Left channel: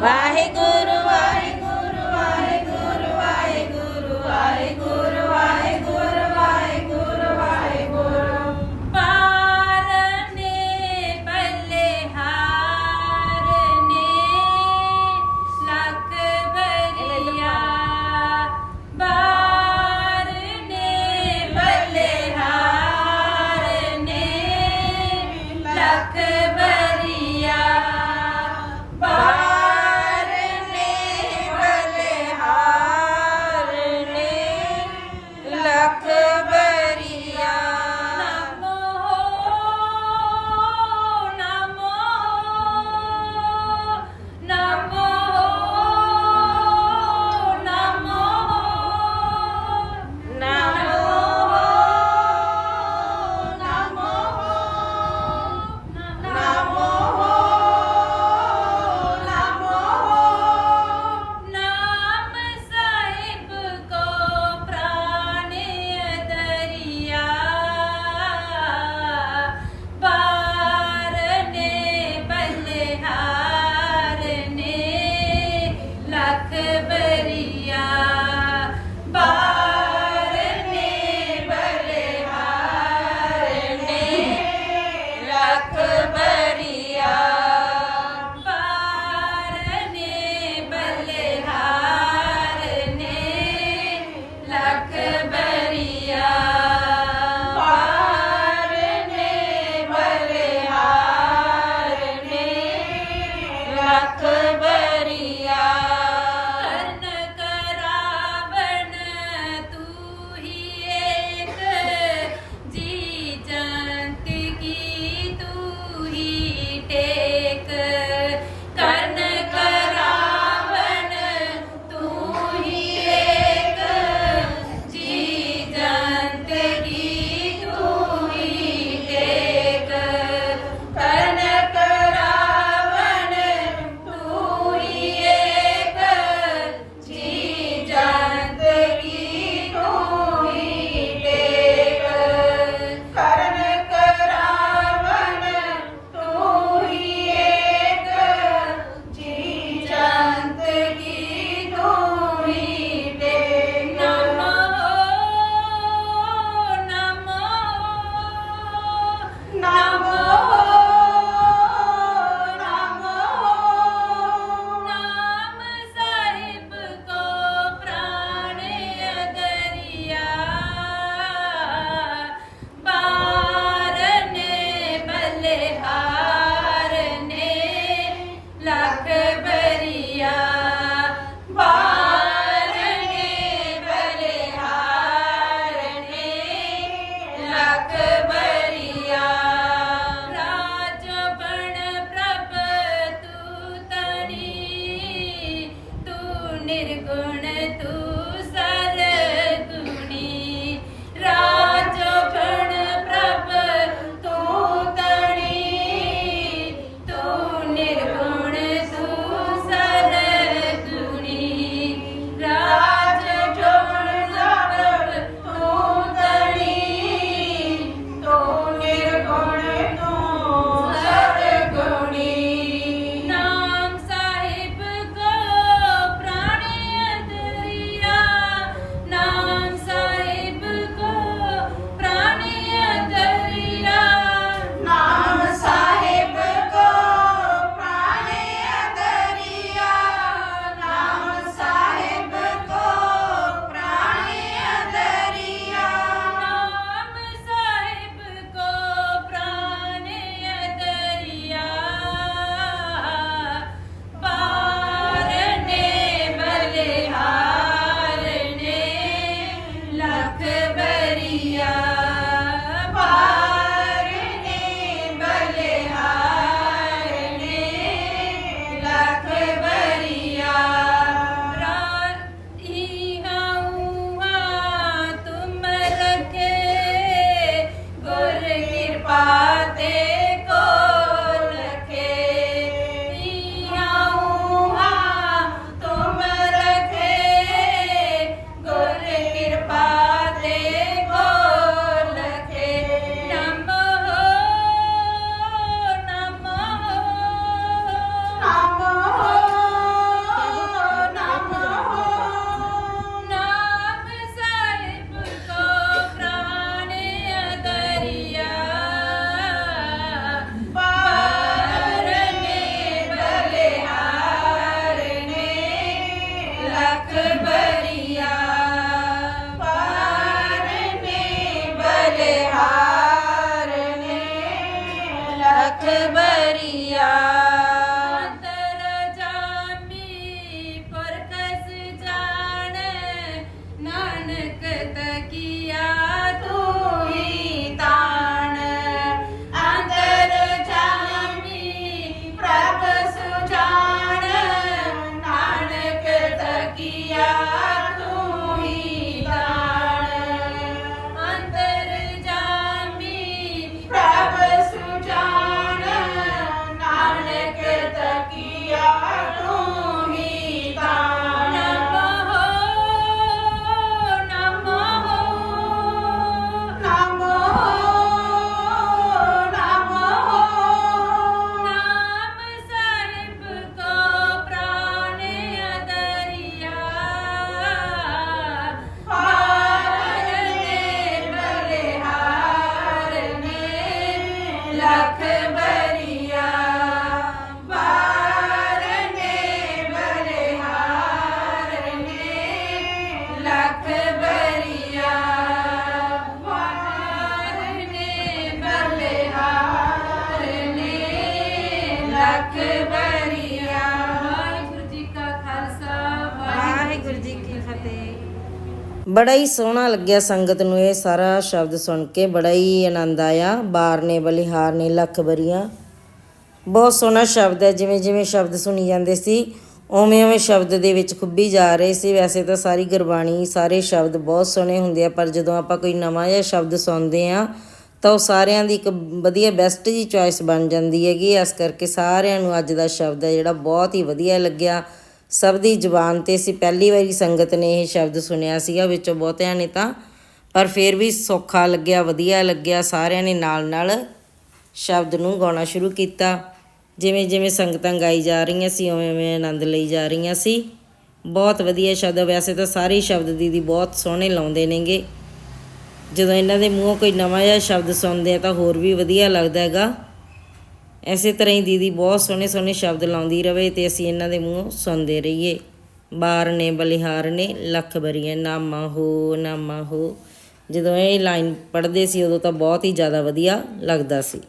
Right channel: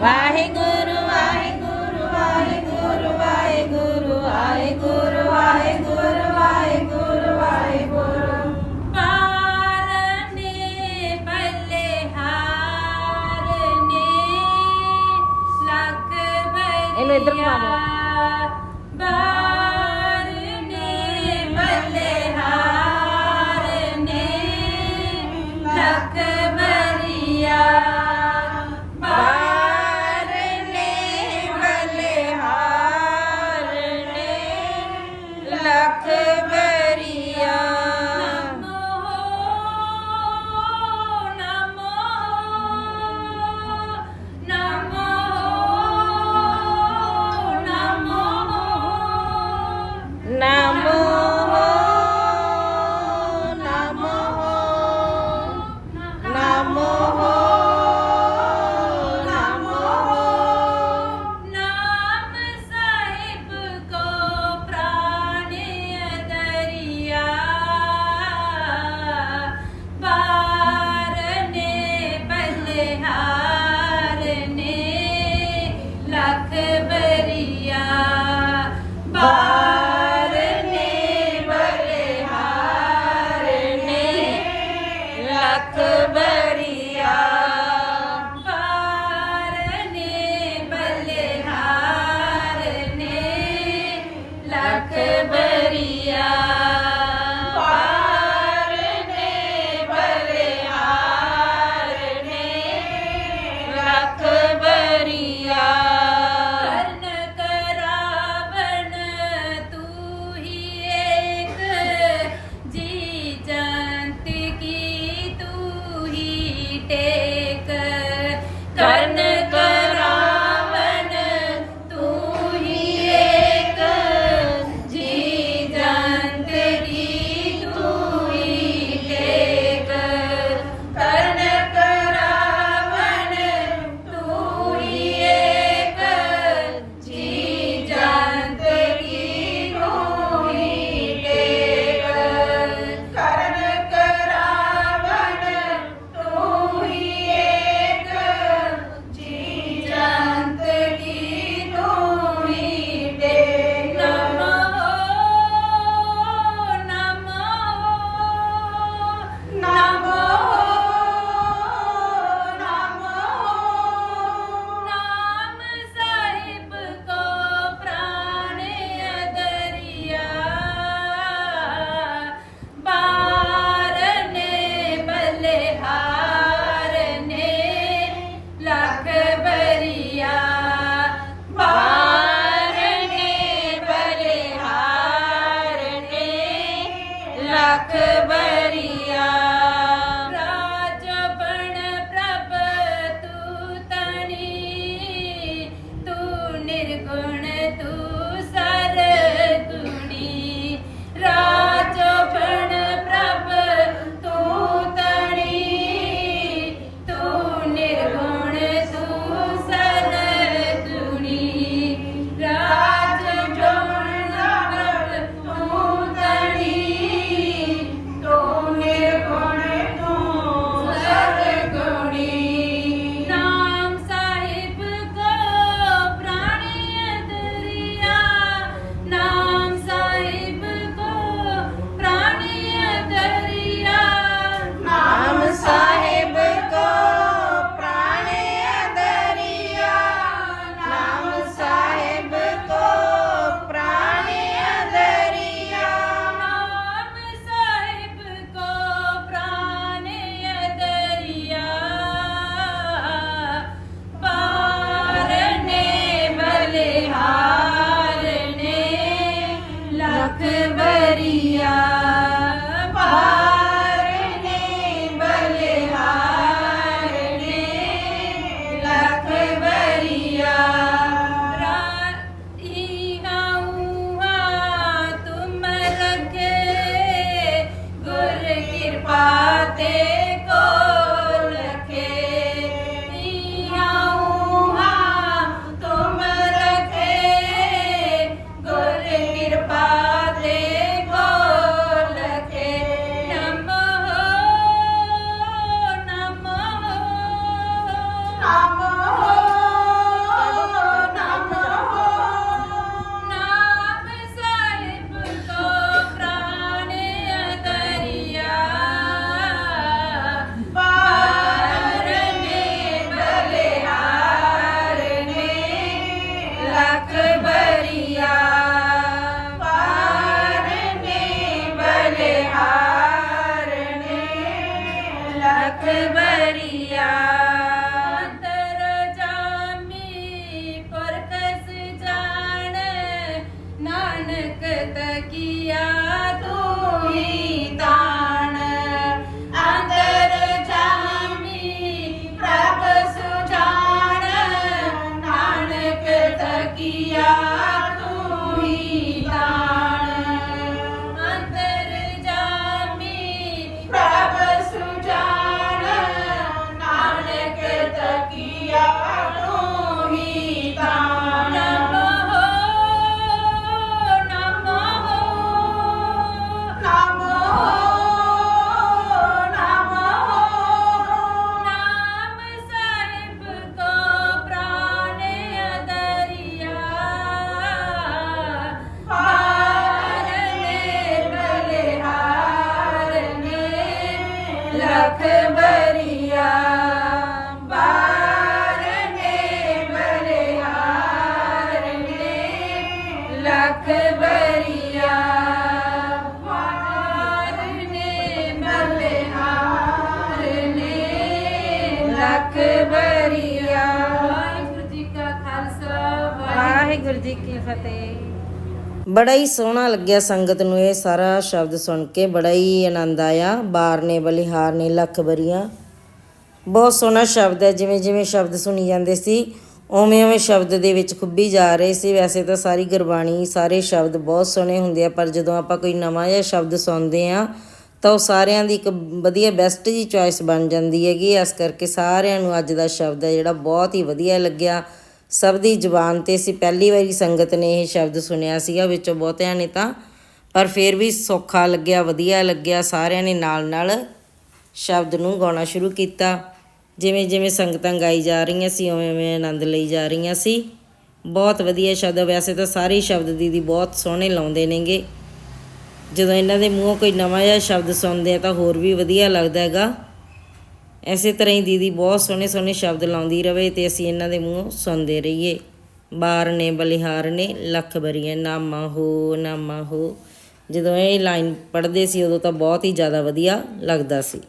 ਵਾਹਿਗੁਰੂ खबरिया ਬੜਾ ਹੀ ਸੋਹਣਾ ਲੱਗਿਆ ਸੰਗਤ ਨੂੰ ਇਹ ਸਾਰਾ ਸ਼ਬਦ ਸੁਣ ਕੇ ਬੜਾ ਹੀ ਆਨੰਦ ਆਇਆ। ਬਾਰ ਨੇ ਬਲਿਹਾਰ ਨੇ ਲੱਖ ਬਰੀਆਂ। ਬਹੁਤ ਸੋਹਣਾ ਸ਼ਬਦ ਹੈ ਜਿਵੇਂ ਜਿਵੇਂ ਸ਼ਬਦ ਸੁਣੀ ਜਾਂਦੇ ਸੀ ਉਵੇਂ ਉਵੇਂ ਸ਼ਬਦ ਦੇ ਵਿੱਚ ਖੁੱਬੀ ਜਾ ਰਹੇ ਸੀ। ਵੈਸੇ ਤਾਂ ਸਾਰੀ ਗੁਰਬਾਣੀ ਸਾਰੇ ਸ਼ਬਦ ਬਹੁਤ ਸੋਹਣੇ ਹੁੰਦੇ ਆ ਪਰ ਜਦੋਂ ਆਪਾਂ ਕੋਈ ਨਵਾਂ ਜਿਹਾ ਸ਼ਬਦ ਸੁਣਦੇ ਆ ਤਾਂ ਉਹ ਸਾਰਿਆਂ ਦੀ ਇੱਕ ਵਧੀਆ ਬੈਸਟ ਜੀ ਚੋਇਸ ਬਣ ਜਾਂਦੀ ਹੈਗੀ ਇਸ ਕਰਕੇ ਸਾਰਿਆਂ ਨੂੰ ਅੱਜ ਦਾ ਸ਼ਬਦ ਹੈ ਜਿਹੜਾ ਬਹੁਤ ਹੀ ਵਧੀਆ ਲੱਗਿਆ। ਸਭ ਦੀ ਜ਼ੁਬਾਨ ਤੇ ਸੀ ਪਹਿਲੀ ਵਾਰੀ ਸੰਗਤ ਨੇ ਇਹ ਸ਼ਬਦ ਸੁਣਿਆ ਸੀਗਾ, ਵਿੱਚੋਂ ਬਹੁਤਿਆਂ ਨੇ ਤਾਂ। ਪਰ ਫਿਰ ਵੀ ਸੌਖਾ ਲੱਗਿਆ, ਵਧੀਆ ਲੱਗਿਆ। ਸਾਰਿਆਂ ਨੇ ਨਾਲ ਨਾਲ ਸ਼ਬਦ ਨੂੰ ਗਾਉਣਾ ਸ਼ੁਰੂ ਕੀਤਾ। ਜਿਵੇਂ ਜਿਵੇਂ ਸੰਗਤਾਂ ਗਾਈ ਜਾ ਰਹੀਆਂ ਸੀ, ਉਵੇਂ ਉਵੇਂ ਆਨੰਦ ਲਈ ਜਾ ਰਹੀਆਂ ਸੀ। ਬਹੁਤ ਵਧੀਆ ਸ਼ਬਦ ਵੈਸੇ ਤਾਂ ਸਾਰੇ ਹੀ ਸ਼ਬਦ ਦੀਦੀ ਬਹੁਤ ਸੋਹਣੇ ਲਾਉਂਦੇ ਨੇਗੇ। ਜਦੋਂ ਇਹਨਾਂ ਦੇ ਮੂੰਹੋਂ ਕੋਈ ਨਵਾਂ ਜਿਹਾ ਸ਼ਬਦ ਸੁਣਦੇ ਆ ਤਾਂ ਹੋਰ ਵੀ ਵਧੀਆ ਲੱਗਦਾ ਹੈਗਾ। ਐਸੇ ਤਰ੍ਹਾਂ ਹੀ ਦੀਦੀ ਬਹੁਤ ਸੋਹਣੇ ਸੋਹਣੇ ਸ਼ਬਦ ਲਾਉਂਦੀ ਰਵੇ ਤੇ ਅਸੀਂ ਇਹਨਾਂ ਦੇ ਮੂੰਹੋਂ ਸੁਣਦੇ ਰਹੀਏ। ਬਾਰ ਨੇ ਬਲਿਹਾਰ ਨੇ ਲੱਖ ਬਰੀਆਂ ਨਾਮਾ ਹੋ ਨਾਮਾ ਹੋ। ਜਦੋਂ ਇਹ ਲਾਈਨ ਪੜ੍ਹਦੇ ਸੀ ਉਦੋਂ ਤਾਂ ਬਹੁਤ ਹੀ ਜ਼ਿਆਦਾ ਵਧੀਆ ਲੱਗਦਾ ਸੀ।